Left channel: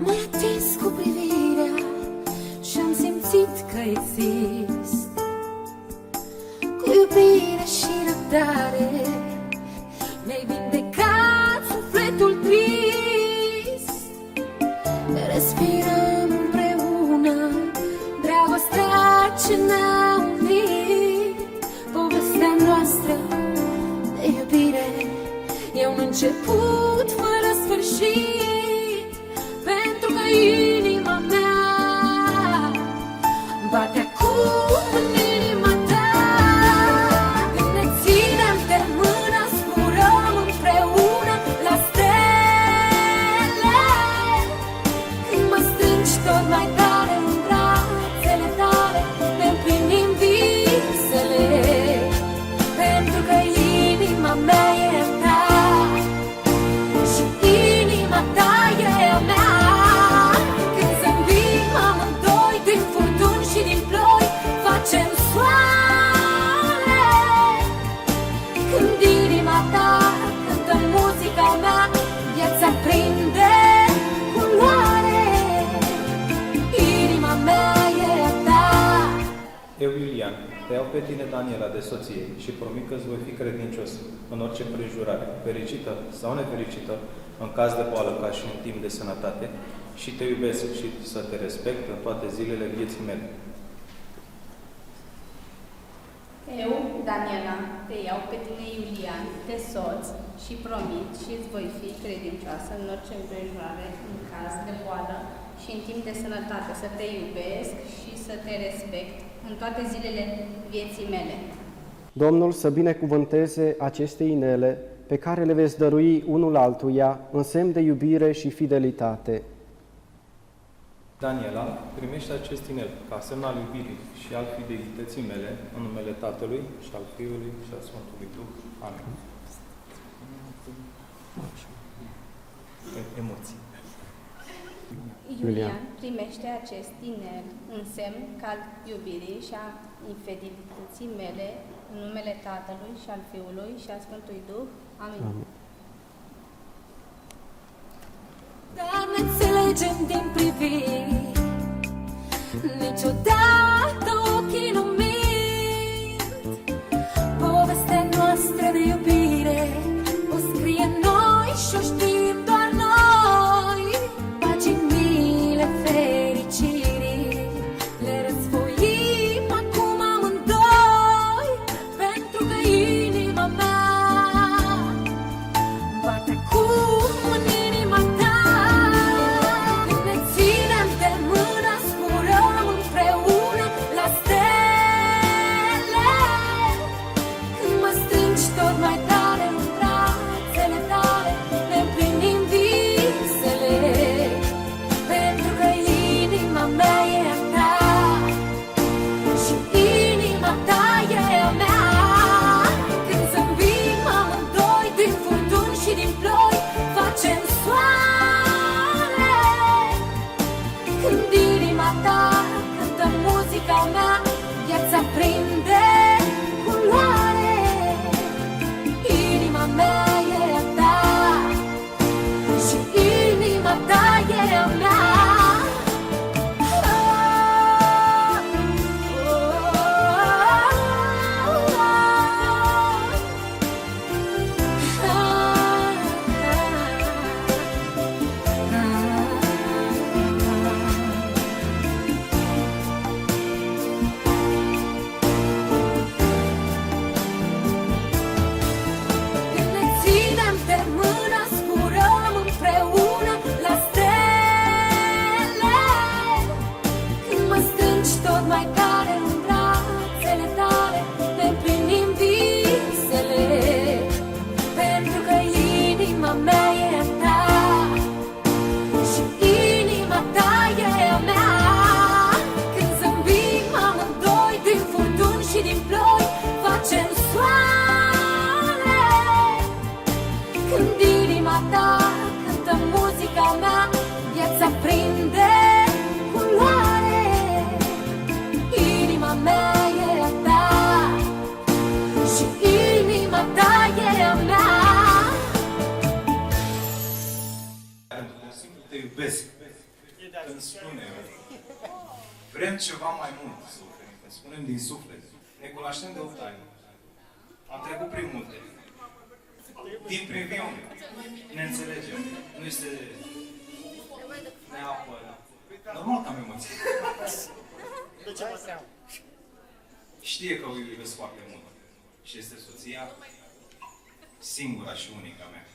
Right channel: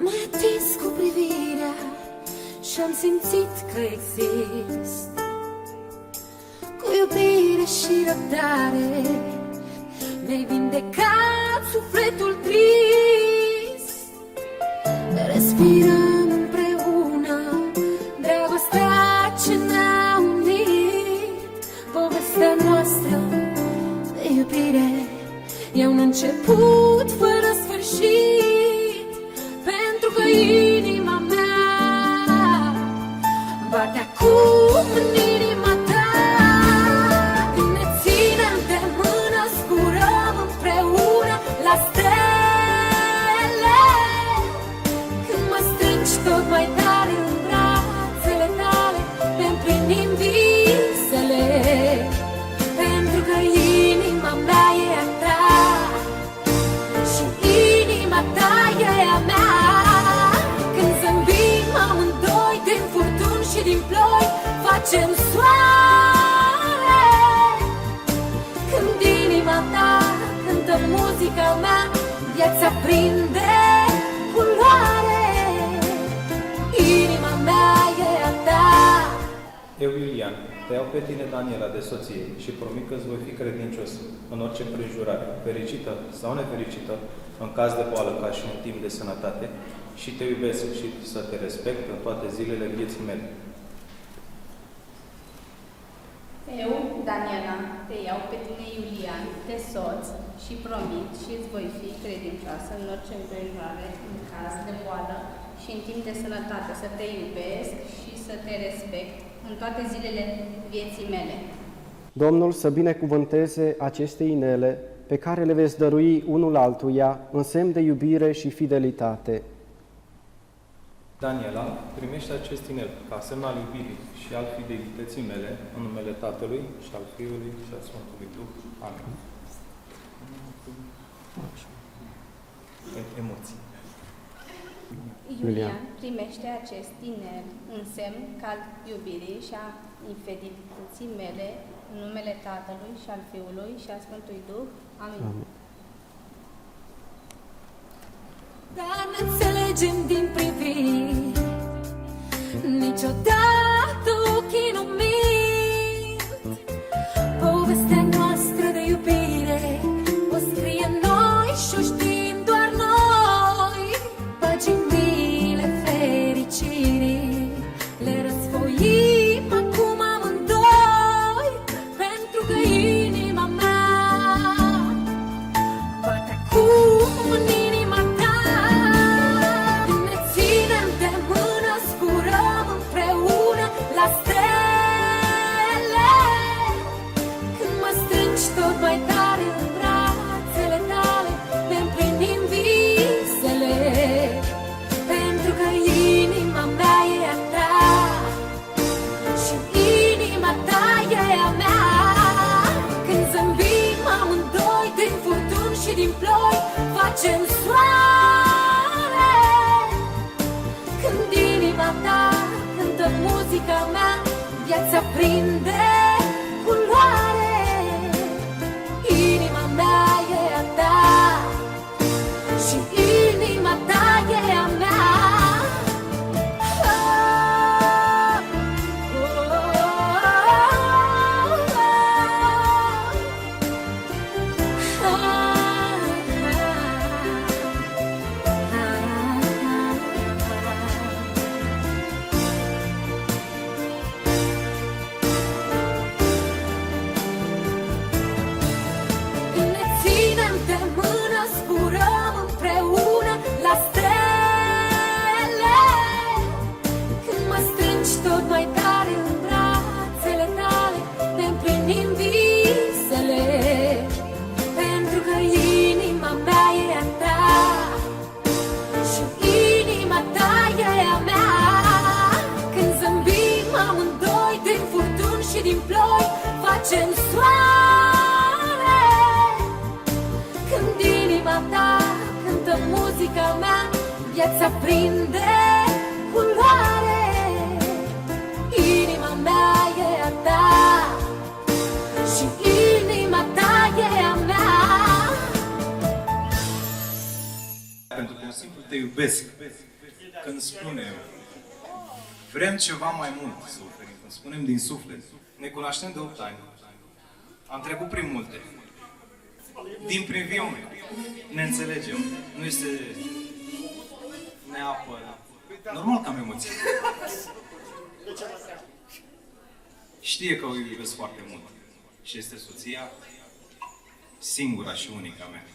M-ai atins cu privirea și-am simțit că exist. Cu iubire și răbdare mi-ai vindecat sufletul trist. Respirăm împreună dragostea ce ne-a unit. Povestea noastră de iubire e un început fără sfârșit, pentru că inima mea bate acum în inima ta. Când ne ținem de mână, zburăm împreună la stele. Când mă strângi tot mai tare în brațele tale, ne împlinim visele, pentru că inima mea e a ta și inima ta e a mea. Când zâmbim amândoi, din furtuni și din ploi facem soare. Când inima ta cântă muzica mea, viața prinde culoare. Inima mea e a ta. Eu, Iulian, te iau pe tine, Daniela, de soție și promit că îți voi fi credincios în orice împrejurare, fericită sau nefericită, în caz de boală ca și în timp de sănătate, și te iubesc și să te respect în toate zilele vieții mele. Eu, Daniela, te iau pe tine, Iulian, de soț și promit și îți voi fi credincioasă în orice împrejurare, în caz de boală și în timp de sănătate, să te iubesc și să te respect în toate zilele vieții mele. Domnul să binecuvânteze aceste inele pe care le veți dărui unul altuia în semn de iubire și fidelitate. Daniela, primește acest inel ca semn al iubirii și al fidelității mele, în numele Tatălui și al Fiului și al Sfântului Duh. Amin. Emoții. Iulian, primește acest inel în semn al iubirii și a infidelității mele, în numele Tatălui și al Fiului și al Sfântului Duh. Amin. Amin. Dar ne înțelegem din priviri, niciodată ochii nu mint. Povestea noastră de iubire o scrie noi și-o știm doar noi. Paginile fericirii le răsfoim acum amândoi, pentru că inima mea bate acum în inima ta. Când ne ținem de mână, zburăm împreună la stele. Când mă strângi tot mai tare în brațele tale, ne împlinim visele, pentru că inima mea e a ta și inima ta e a mea. Când zâmbim amândoi, din furtuni și din ploi facem soare. Când inima ta cântă muzica mea, viața prinde culoare. Inima mea e a ta și inima ta e a mea. Când ne ținem de mână, zburăm împreună la stele. Când mă strângi tot mai tare în brațele tale, ne împlinim visele, pentru că inima mea e a ta și inima ta e a mea. Când zâmbim amândoi, din furtuni și din ploi facem soare. Când inima ta cântă muzica mea, viața prinde culoare. Inima mea e a ta și inima ta e a mea. Pentru că simplu te iubesc. Când spunem, vrem ceva mai mult să oferim, când spunem din suflet, ne cunoaștem de 8 ani, am trecut prin multe, din priviune, ne înțelegem, nu este neapărat. Normal că am emoții. Știe că o iubesc foarte mult și este soția singura și unica mea.